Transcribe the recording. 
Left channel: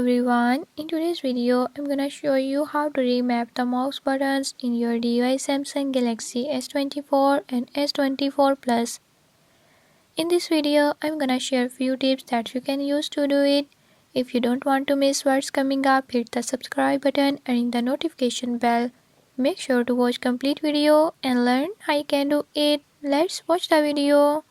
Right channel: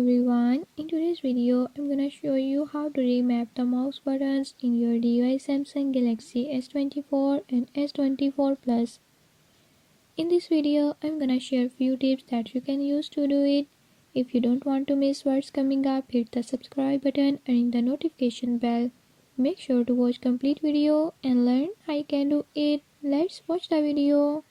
everyone, in today's video I'm gonna show you how to remap the mouse buttons in your device Samsung Galaxy S24 and S24 Plus. In this video I'm gonna share few tips that you can use to do it. If you don't want to miss what's coming up, hit the subscribe button and ring the notification bell. Make sure to watch complete video and learn how you can do it. Let's watch the video.